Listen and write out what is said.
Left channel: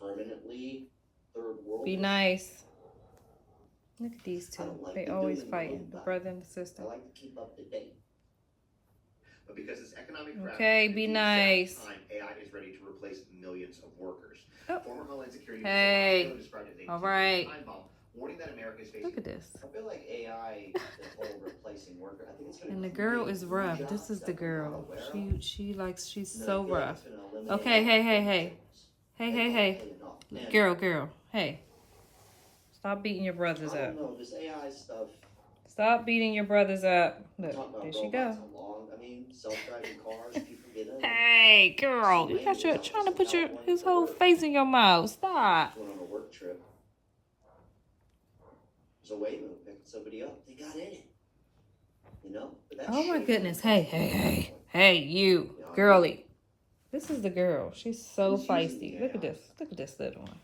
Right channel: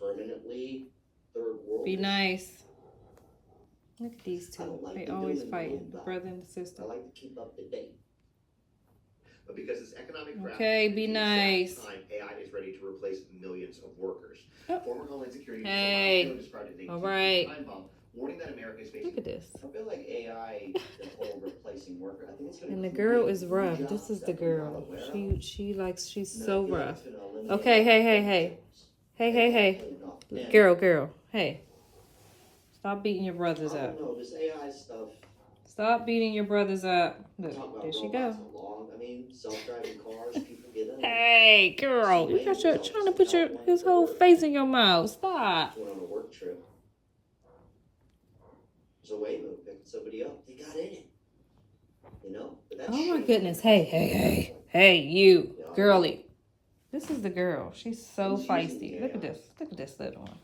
permanently third world. Be nice. Look at these two. They always fighting, the brother and the sister. I like to keep up to date. But because it's economic okay, be nice. Time, AI is ready to replace millions of workers. Oh. Former Homeland Security hey. described it as all right. time bomb, warning that America is facing. Look at this. I feel like AI is whole replacing worker. I think it's and the girl is rough. This is the girl. She's so rough. Okay, hey. Girl. Hey. Stop beating your brothers up. This AI stuff. Stop beating your brothers up. Look, there she go. Self-driving cars, people get in. Hey, girl, you got your trying to put his whole face in your mouth. Stop. Went on a work trip. There's a Waymo picking somebody up. They got in it. You know? Oh my goodness. Hey, you, girly. This is the girl. She's so feisty. Look at this. Look at this little one.